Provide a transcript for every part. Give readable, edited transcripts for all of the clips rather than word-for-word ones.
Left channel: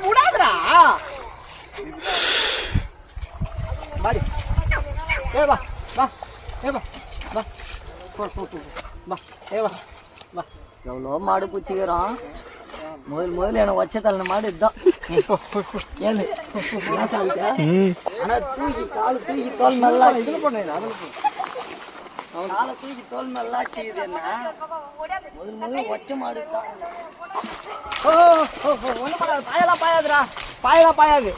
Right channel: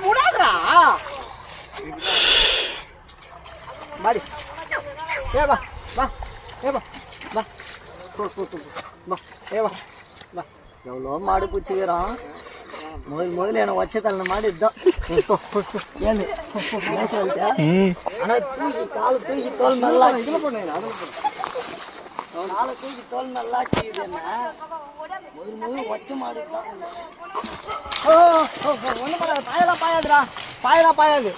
முடாதரா பாடி ஏ வா வா ஏ வா வா வா ஏ வா வா எவ்வளோ மாடு பிடிச்சிக்கிறான் முதல்ல எனக்கு வச்ச தள்ள மாடு இதுதான் ஏன்னு ஆனால் தூக்கி கால் தூக்கி தோல் நல்லா இதில் பண்ணுங்க காலை தூக்கி தோல் நல்லா கீது என்ன முதல் வச்ச மாடு தான் ஒன்றும் பண்ணாது பாயெல்லாம் பாயாதுடா பாயெல்லாம் பாயாது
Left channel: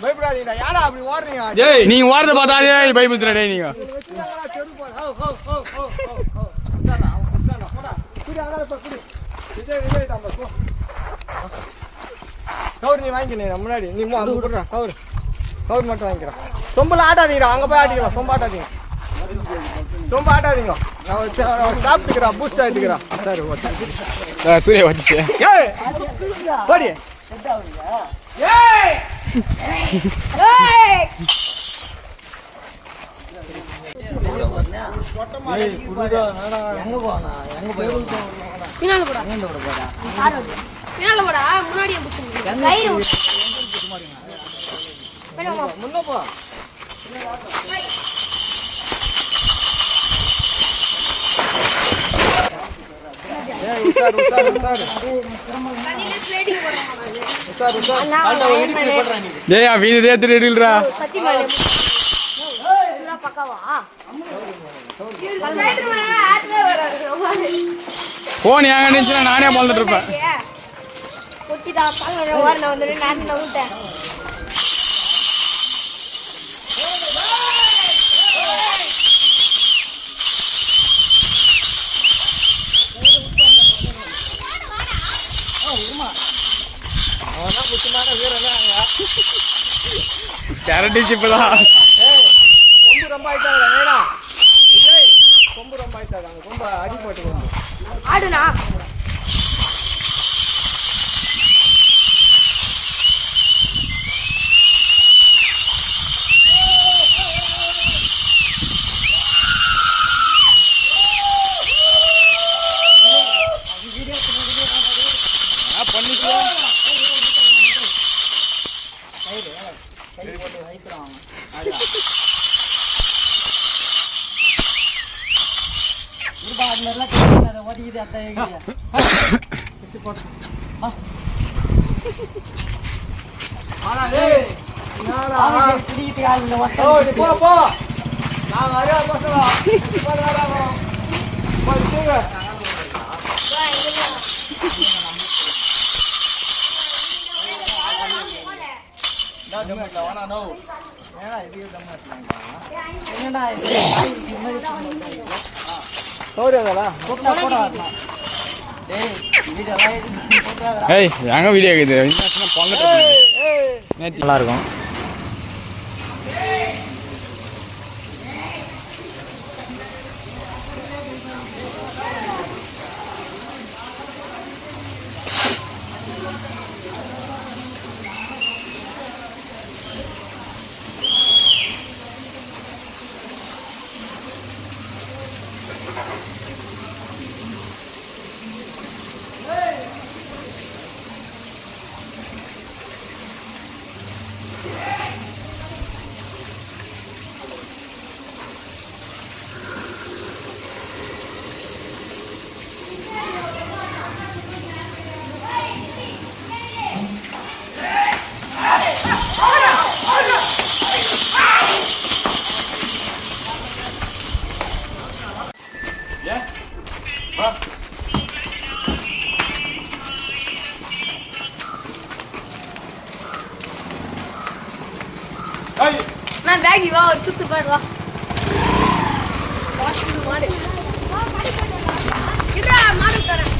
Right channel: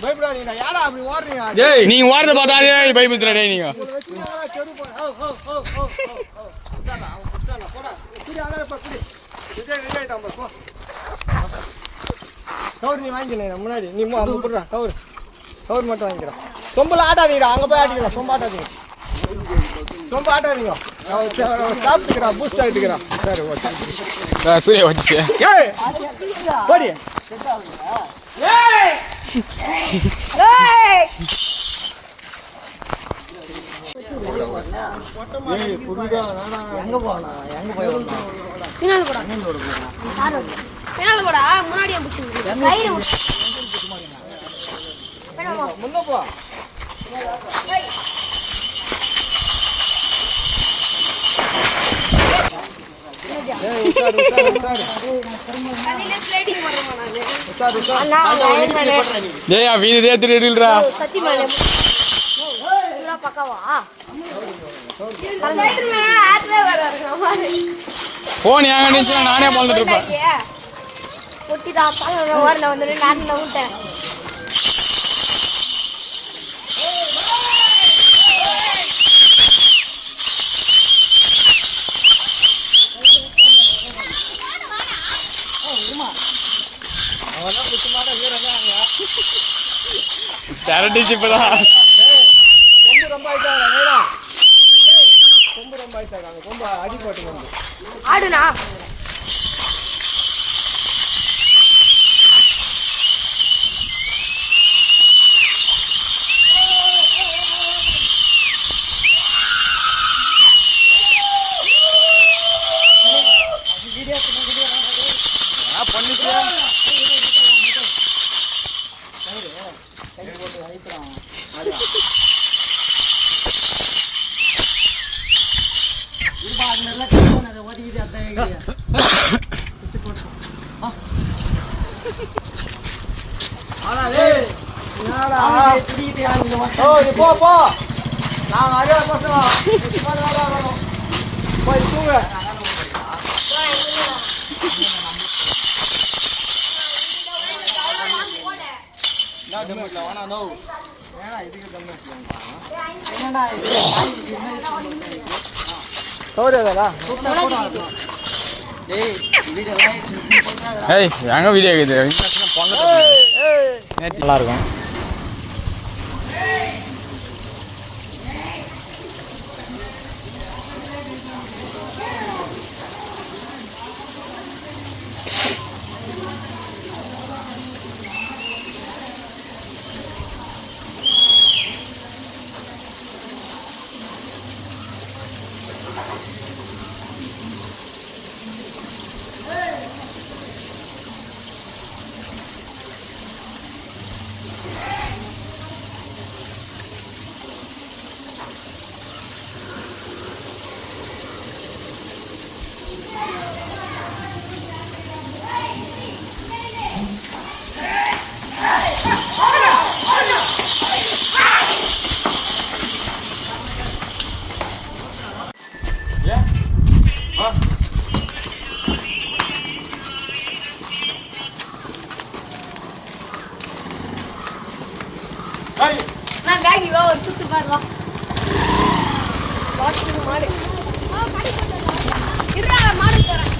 பயப்படாதீங்கடா யாரா அப்படி ஓடுறீங்க நீங்க ஓடுறத பார்த்தாலே பயப்படுத்துறா டேய் நீங்க கவுர் நீ வாங்கிக்கிறேன் முன்னாடி நீ அங்கே போடுறா கவுர் மட்டும் வாங்கிக்கிறேன் சொம்பில் ஆட்டாதீங்கடா அங்கே போய் ஆட்டிக்கலாம் சொம்ப ஆட்டாதீங்க சொம்ப ஆட்டாதீங்க சாப்பிட்டுக்கிறா பூஸ்ட் ஆகிட்டுக்கிறான் சரி சூரிய வச்சு போடி எங்க போனா எங்க போய் பின்னால போடா பின்னால போடா முன்னாடியே முன்ன போ போன் எங்க நினைச்சு நானே பார்த்துட்டு இருப்பேன் கொம்பு ரொம்ப ஆயிட்டாங்க கொம்பு ரொம்ப ஆயிட்டாங்க கொம்பு அடிபட்டு வந்து ஆடுனா போ நாங்க அறிவா பசங்க போய் தூங்க எங்க வீடியோ நல்லா இருக்கும் நான் பேக் வா ஒரு சுத்து பாரு வா மாடு மாடு தரேன்